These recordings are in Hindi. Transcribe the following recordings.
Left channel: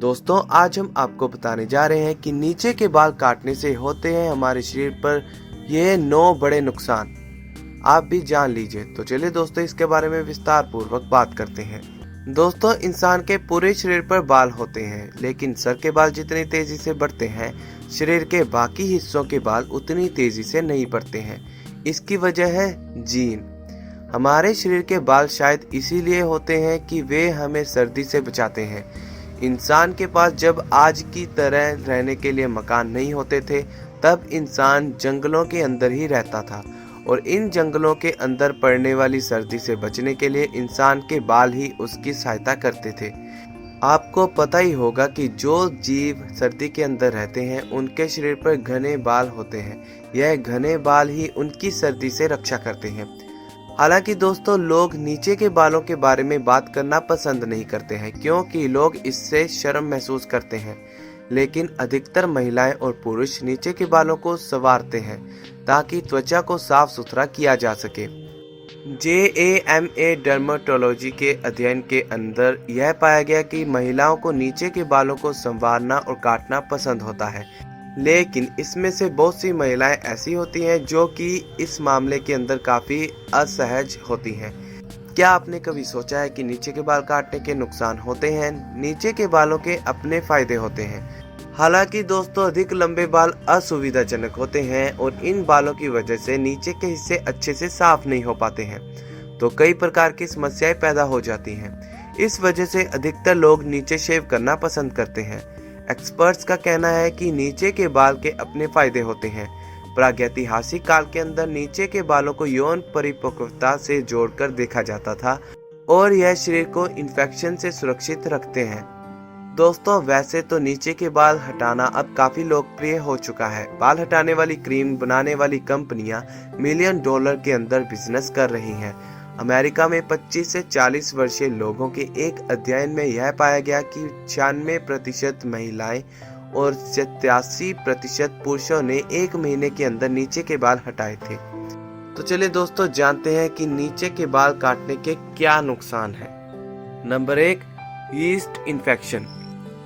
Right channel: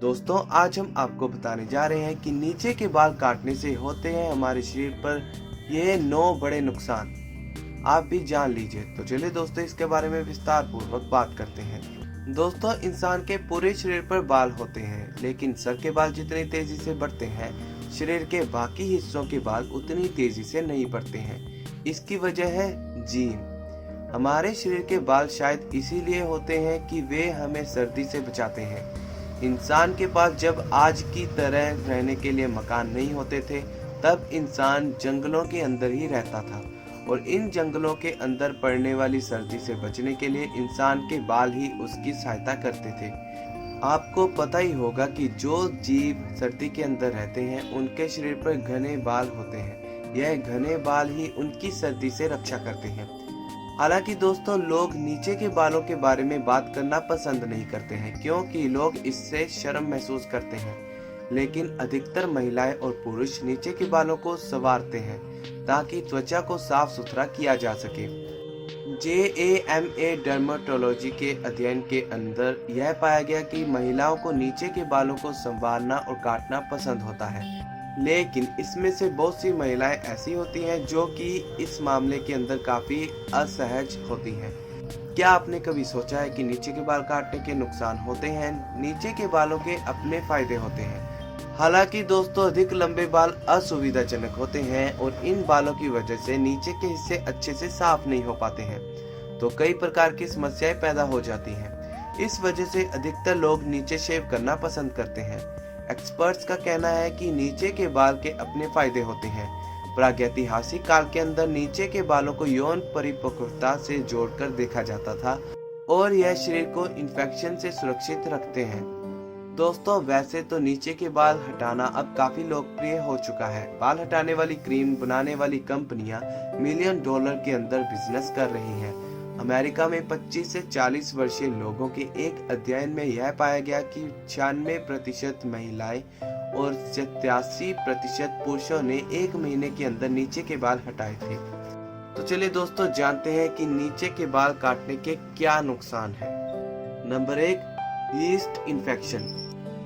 दोस्तों आज हम आपको बताने जा रहे हैं कि नीचे के बाल काटने से होते हैं हमारे शरीर पर ये 9 बड़े नुकसान। आप भी जान लीजिए। तो चलिए दोस्तों इसके बारे में विस्तार पूर्वक बात करते हैं। दोस्तों इंसान के पूरे शरीर पर बाल होते हैं, लेकिन सर के बाल जितनी तेजी से बढ़ते हैं शरीर के बाकी हिस्सों के बाल उतनी तेजी से नहीं बढ़ते हैं। इसकी वजह है जीन। हमारे शरीर के बाल शायद इसीलिए होते हैं कि वे हमें सर्दी से बचाते हैं। इंसान के पास जब आज की तरह रहने के लिए मकान नहीं होते थे, तब इंसान जंगलों के अंदर ही रहता था और इन जंगलों के अंदर पड़ने वाली सर्दी से बचने के लिए इंसान के बाल ही उसकी सहायता करते थे। आपको पता ही होगा कि जो जीव सर्दी के अंदर रहते हैं उनके शरीर पर घने बाल होते हैं। यह घने बाल ही उनकी सर्दी से रक्षा करते हैं। हालांकि दोस्तों लोग नीचे के बालों के बारे में बात करना पसंद नहीं करते हैं, क्योंकि लोग इससे शर्म महसूस करते हैं। लेकिन अधिकतर महिलाएं और पुरुष नीचे के बालों को संवारते हैं ताकि त्वचा को साफ सुथरा किया जा सके। JAMA डर्मेटोलॉजी के अध्ययन के अंदर यह पाया गया कि महिलाओं को नीचे के बालों को संवारना और काटना पसंद होता है, लेकिन इसमें से बहुत सी महिलाएं ऐसी होती हैं जो कि इस मामले के अंदर काफ़ी असहज होती हैं। क्या आपने कभी सोचा है कि नीचे के बाल काटने के नुकसान होते हैं? नीचे के बालों के अपने फायदे होते हैं। हालांकि दोस्तों अधिक लंबे बाल असुविधाजनक होते हैं और इन बालों की वजह से नीचे के हिस्से अच्छे से साफ नहीं हो पाते हैं, तो कई प्रकार की समस्याएं पैदा हो जाती हैं। इस वजह से अधिकतर लोग नीचे शेव करना पसंद करते हैं। एक्सपर्ट्स का कहना है कि नीचे के बाल के अपने फायदे होते हैं। प्रागैतिहासिक काल के अंदर नीचे के बालों को यौन परिपक्वता से जोड़कर देखा जाता था और यह शरीर को इन्फेक्शन से सुरक्षित रखते हैं। दोस्तों वैसे तो नीचे के बाल हटाना अब काफी लोकप्रिय हो चुका है। बाल हटाने वाली क्रीम बनाने वाली कंपनियां $मिलियन के अंदर बिजनेस कर रही हैं। अमेरिका में 25 से 40 वर्षीय लोगों के एक अध्ययन में यह पाया गया कि 96% महिलाएं और 87% पुरुषों ने 1 महीने के अंदर नीचे के बाल हटाए थे। तो चलिए दोस्तों जानते हैं कि नीचे के बाल काटने के क्या नुकसान हैं। Number 1, yeast infection.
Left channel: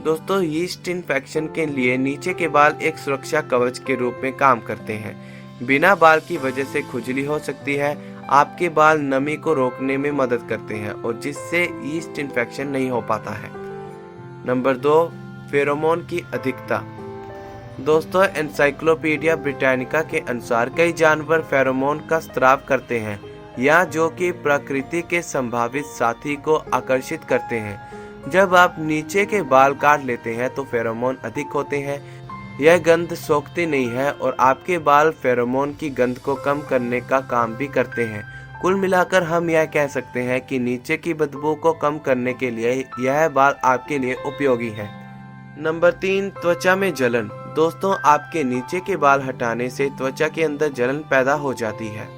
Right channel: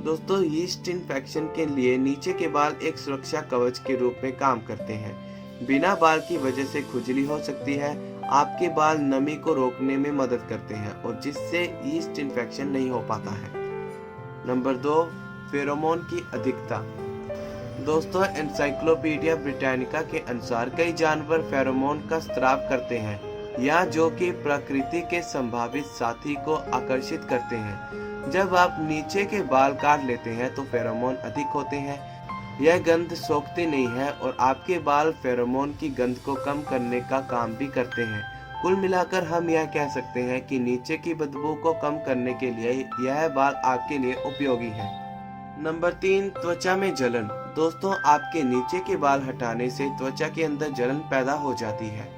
दोस्तों यीस्ट इन्फेक्शन के लिए नीचे के बाल एक सुरक्षा कवच के रूप में काम करते हैं। बिना बाल की वजह से खुजली हो सकती है। आपके बाल नमी को रोकने में मदद करते हैं और जिससे यीस्ट इन्फेक्शन नहीं हो पाता है। नंबर 2, फेरोमोन की अधिकता। दोस्तों एनसाइक्लोपीडिया ब्रिटानिका के अनुसार कई जानवर फेरोमोन का स्राव करते हैं या जो कि प्रकृति के संभावित साथी को आकर्षित करते हैं। जब आप नीचे के बाल काट लेते हैं तो फेरोमोन अधिक होते हैं। यह गंध सोखती नहीं है और आपके बाल फेरोमोन की गंध को कम करने का काम भी करते हैं। कुल मिलाकर हम यह कह सकते हैं कि नीचे की बदबू को कम करने के लिए यह बाल आपके लिए उपयोगी है। नंबर 3, त्वचा में जलन। दोस्तों आपके नीचे के बाल हटाने से त्वचा के अंदर जलन पैदा हो जाती है,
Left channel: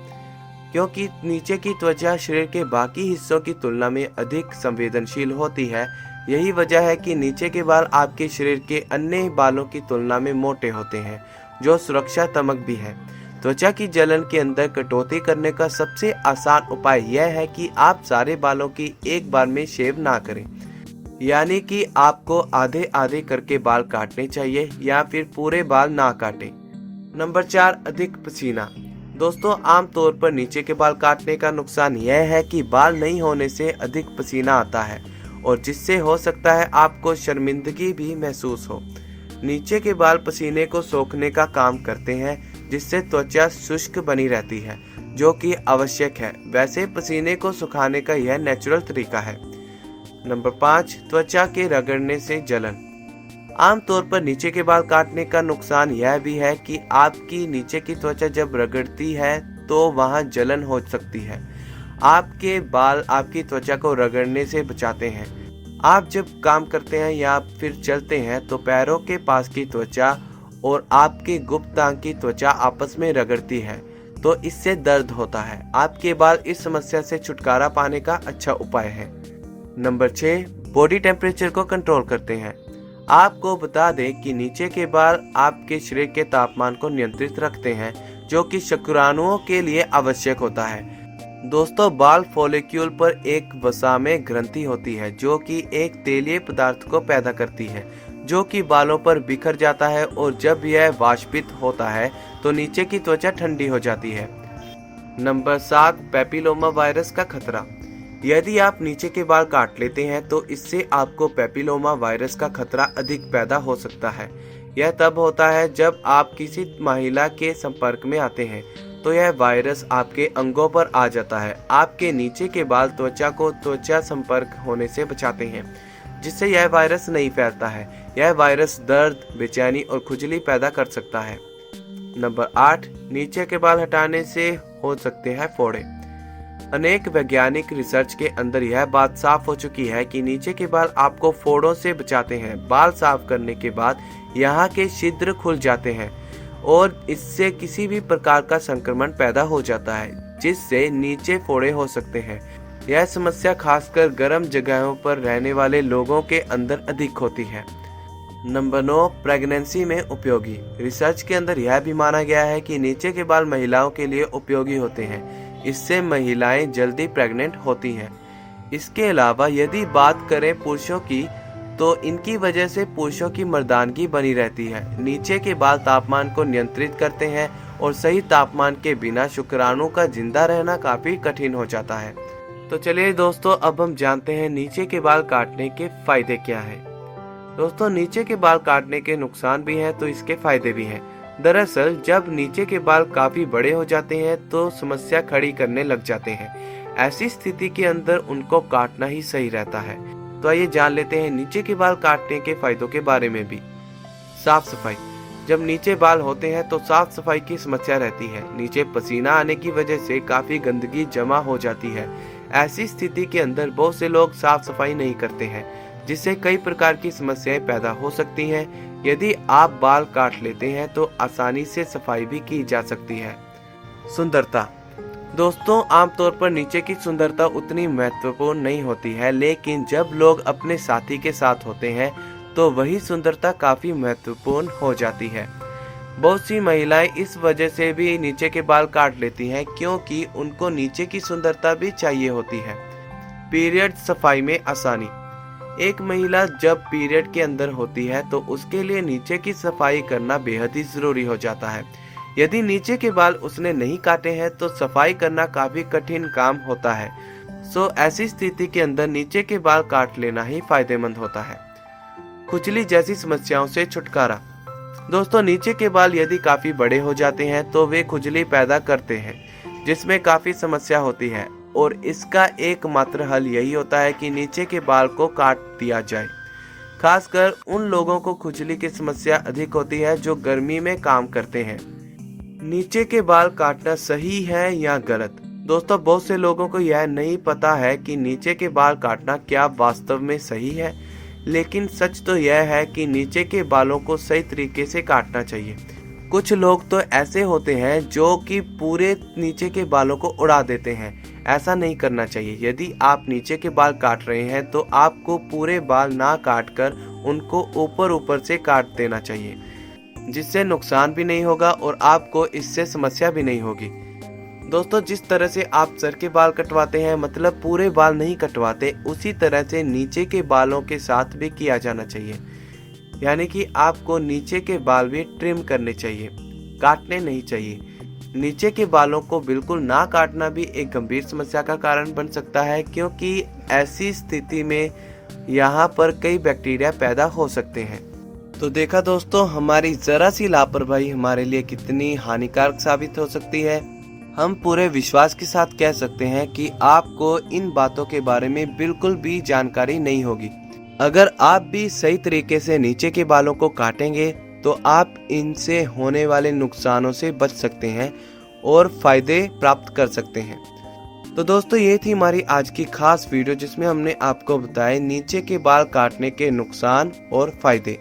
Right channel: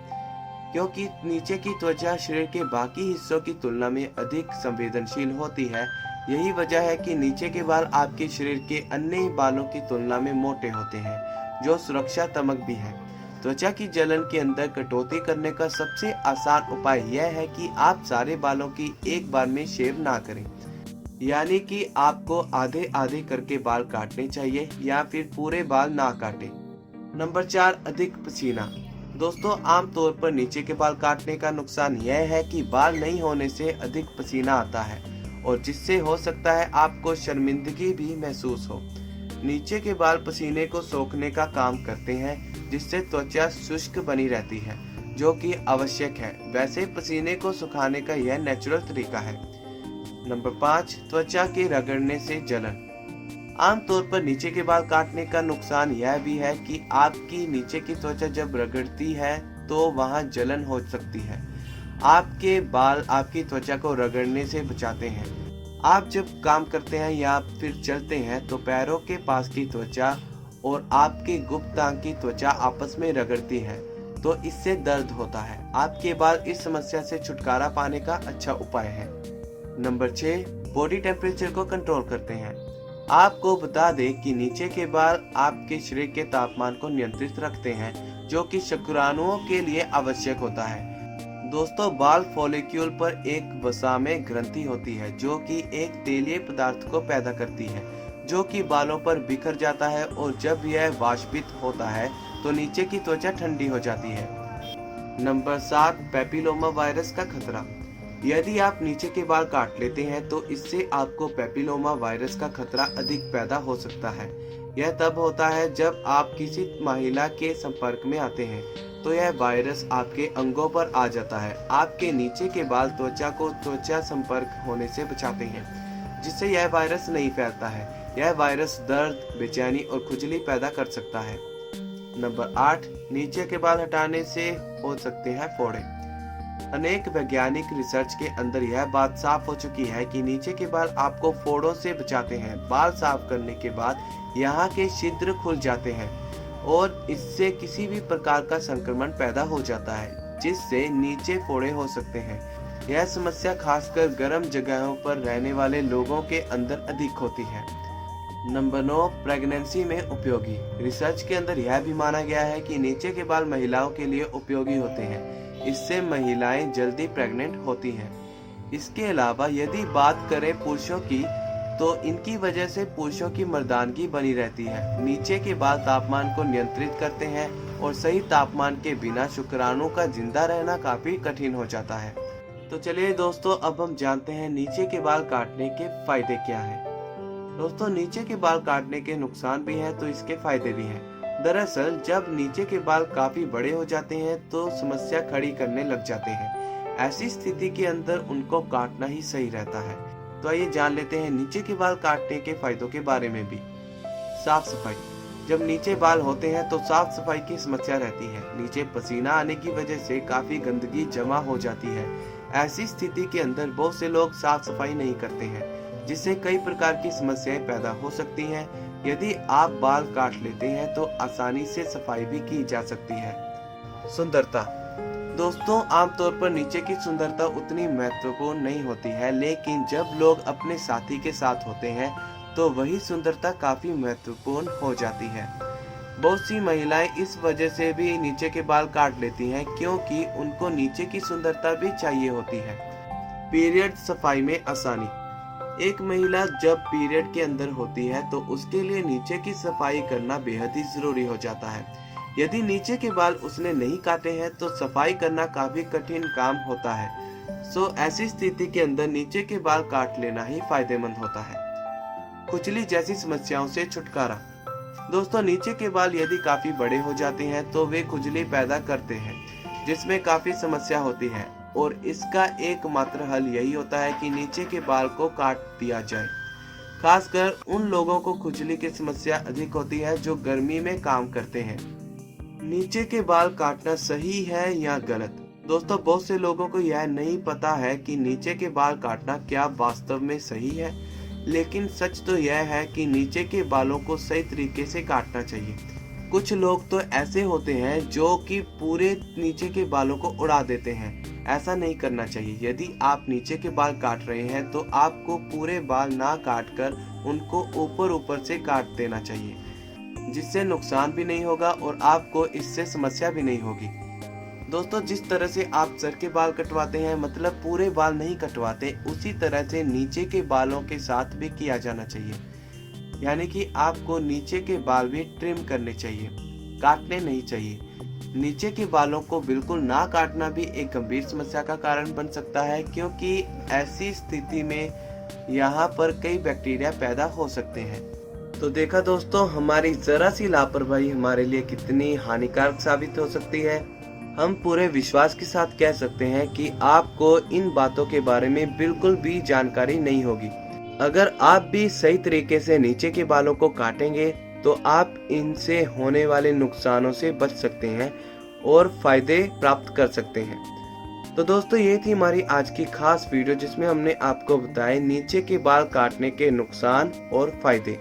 क्योंकि नीचे की त्वचा शरीर के बाकी हिस्सों की तुलना में अधिक संवेदनशील होती है। यही वजह है कि नीचे के बाल आपके शरीर के अन्य बालों की तुलना में मोटे होते हैं, जो सुरक्षात्मक भी है। त्वचा की जलन के अंदर कटौती करने का सबसे आसान उपाय यह है कि आप सारे बालों की एक बार में शेव ना करें, यानी कि आपको आधे आधे करके बाल काटने चाहिए या फिर पूरे बाल ना काटें। नंबर 4, अधिक पसीना। दोस्तों आमतौर पर नीचे के बाल काटने का नुकसान यह है कि बाल नहीं होने से अधिक पसीना आता है और जिससे हो सकता है आपको शर्मिंदगी भी महसूस हो। नीचे के बाल पसीने को सोखने का काम करते हैं, जिससे त्वचा शुष्क बनी रहती है, जो कि आवश्यक है। वैसे पसीने को सुखाने का यह नेचुरल तरीका है। नंबर 5, त्वचा के रगड़ने से जलन। आमतौर पर नीचे के बाल काटने का नुकसान यह भी है कि आपकी नीचे की त्वचा जब रगड़ती है तो वहां जलन हो सकती है। आपके बाल आपकी त्वचा को रगड़ने से बचाते हैं। आप जब काम करते हैं या फिर चलते हैं तो पैरों के पास की त्वचा और आपके गुप्त अंग की त्वचा आपस में रगड़ती है, तो इससे दर्द होता है। आपके बाल इस समस्या से छुटकारा पाने का अच्छा उपाय है। नंबर 6, बॉडी टेम्परेचर को कंट्रोल करते हैं। आपको बता दें कि नीचे के बाल आपके शरीर के तापमान को नियंत्रित रखते हैं, जो कि शुक्राणुओं के लिए आवश्यक होता है। दोस्तों, बाल फॉलिक्यूल पर एक वसा में ग्रंथि होती है जो कि एक तेलीय पदार्थ को पैदा करती है जो कि बालों पर बिखर जाता है, और जब यह वाष्पित होता है तो नीचे की त्वचा ठंडी हो जाती है। नंबर 7, पेपिलोमा वायरस का खतरा। यदि आप नीचे के बाल काट लेते हैं तो इससे आपको पेपिलोमा वायरस का खतरा अधिक पैदा हो सकता है। यह तब होता है जब आप किसी महिला के संपर्क में आते हैं तो यह वायरस आपके अंगों पर आ जाता है। आपके नीचे के बाल त्वचा को त्वचा संपर्क होने से बचाते हैं, जिससे यह वायरस नहीं फैलता है। यह वायरस दर्द, बेचैनी और खुजली पैदा कर सकता है। नंबर 8, नीचे के बाल हटाने से हो सकते हैं फोड़े। अनेक वैज्ञानिक रिसर्च के अंदर यह बात साफ हो चुकी है कि नीचे के बाल आपको फोड़ों से बचाते हैं। बाल साफ करने के बाद यहाँ के छिद्र खुल जाते हैं और इससे किसी भी प्रकार का संक्रमण पैदा हो जाता है, जिससे नीचे फोड़े हो सकते हैं। यह समस्या खासकर गर्म जगहों पर रहने वाले लोगों के अंदर अधिक होती है। नंबर 9, प्रेगनेंसी में उपयोगी। रिसर्च के अंदर यह भी माना गया है कि नीचे के बाल महिलाओं के लिए उपयोगी होते हैं। इससे महिलाएं जल्दी प्रेग्नेंट होती हैं। इसके अलावा यदि बात करें पुरुषों की, तो इनकी वजह से पुरुषों की मर्दानगी बनी रहती है। नीचे के बाल तापमान को नियंत्रित करते हैं और सही तापमान के बिना शुक्राणु का जिंदा रहना काफी कठिन हो जाता है। तो चलिए दोस्तों, अब हम जानते हैं नीचे के बाल काटने के फायदे क्या है। दोस्तों, नीचे के बाल काटने के नुकसान भी हैं तो इसके फायदे भी हैं। दरअसल जब नीचे के बाल काफी बड़े हो जाते हैं तो समस्या खड़ी करने लग जाते हैं। ऐसी स्थिति के अंदर उनको काटना ही सही रहता है। तो आइए जान लेते हैं नीचे के बाल काटने के फायदों के बारे में भी। साफ सफाई। जब नीचे बाल होते हैं तो साफ सफाई की समस्या रहती है। नीचे पसीना आने की वजह से काफी गंदगी जमा हो जाती है। ऐसी स्थिति के अंदर बहुत से लोग साफ सफाई नहीं करते हैं, जिससे कई प्रकार की समस्याएं पैदा हो सकती हैं। यदि आप बाल काट लेते हैं तो आसानी से सफाई भी की जा सकती है। सुंदरता। दोस्तों, आमतौर पर नीचे की सुंदरता उतनी महत्वपूर्ण नहीं होती है, लेकिन जब लोग अपने साथी के साथ होते हैं तो वही सुंदरता काफी महत्वपूर्ण हो जाती है। बहुत सी महिलाएं इस वजह से भी नीचे के बाल काट लेती हैं क्योंकि उनको नीचे की सुंदरता भी चाहिए होती है। पीरियड सफाई में आसानी। एक महिला जब पीरियड के अंदर होती है तो उसके लिए नीचे की सफाई करना बेहद ही जरूरी हो जाता है। यदि नीचे के बाल उसने नहीं काटे हैं तो सफाई करना काफी कठिन काम होता है। ऐसी स्थिति के अंदर नीचे के बाल काट लेना ही फायदेमंद होता है। खुजली जैसी समस्याओं से छुटकारा। दोस्तों, नीचे के बाल यदि काफी बड़े हो जाते हैं तो वे खुजली पैदा करते हैं, जिसमें काफी समस्या होती है, और इसका एकमात्र हल यही होता है कि नीचे के बाल को काट दिया जाए। खासकर उन लोगों को खुजली की समस्या अधिक होती है जो गर्मी में काम करते हैं। नीचे के बाल काटना सही है या गलत? दोस्तों, बहुत से लोगों को यह नहीं पता है कि नीचे के बाल काटना क्या वास्तव में सही है, लेकिन सच तो यह है कि नीचे के बालों को सही तरीके से काटना चाहिए। कुछ लोग तो ऐसे होते हैं जो कि पूरे नीचे के बालों को उड़ा देते हैं। ऐसा नहीं करना चाहिए। यदि आप नीचे के बाल काट रहे हैं तो आपको पूरे बाल ना काटकर उनको ऊपर ऊपर से काट देना चाहिए, जिससे नुकसान भी नहीं होगा और आपको इससे समस्या भी नहीं होगी। दोस्तों, जिस तरह से आप सर के बाल कटवाते हैं, मतलब पूरे बाल नहीं कटवाते, उसी तरह से नीचे के बालों के साथ भी किया जाना चाहिए। यानी कि आपको नीचे के बाल भी ट्रिम करने चाहिए, काटने नहीं चाहिए। नीचे के बालों को बिल्कुल ना काटना भी एक गंभीर समस्या का कारण बन सकता है, क्योंकि ऐसी स्थिति में यहाँ पर कई बैक्टीरिया पैदा हो सकते हैं। तो देखा दोस्तों, हमारी जरा सी लापरवाही हमारे लिए कितनी हानिकारक साबित हो सकती है। हम पूरे विश्वास के साथ कह सकते हैं कि आपको इन बातों के बारे में बिल्कुल भी जानकारी नहीं होगी। अगर आप भी सही तरीके से नीचे के बालों को काटेंगे तो आप इनसे होने वाले नुकसानों से बच सकते हैं और फायदे प्राप्त कर सकते हैं। तो दोस्तों, ये थी हमारी आज की खास वीडियो जिसमें हमने आपको बताया नीचे के बाल काटने के नुकसान और फायदे।